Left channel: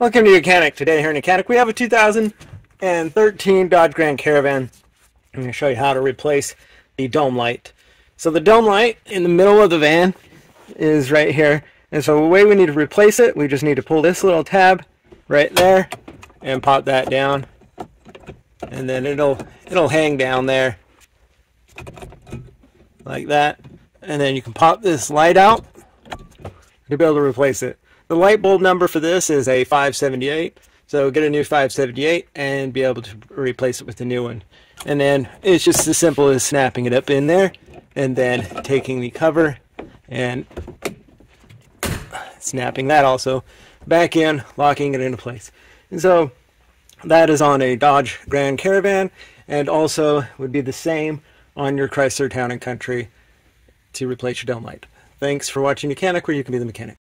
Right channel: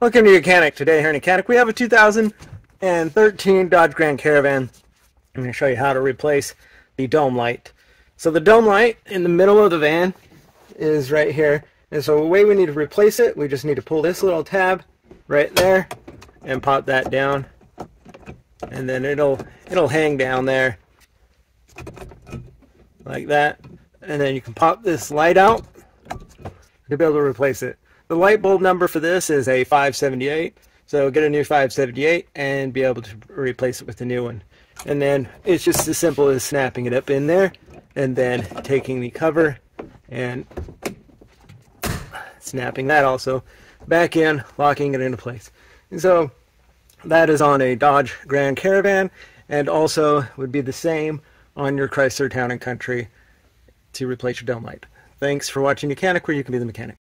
Welcome to YOUCANIC. Today here in YOUCANIC we have a 2013 Dodge Grand Caravan. I'm going to show you how to replace the dome light. So the dome light in the middle of the van is right here. And so the way we need to replace it, we just need to pull this little tab right there and pop that down. And then it'll hang down there like that. And then you can pop this light out to be able to replace it. The light bulb number for this is a 578, so get a new 578 and be able to replace it with the new one. And then it's just as simple as snapping it up in there and then taking the cover and snapping that also back in, locking it into place. And so that is on a Dodge Grand Caravan, and also would be the same on your Chrysler Town Country to replace your dome light. Thanks for watching YOUCANIC, where you can be the mechanic.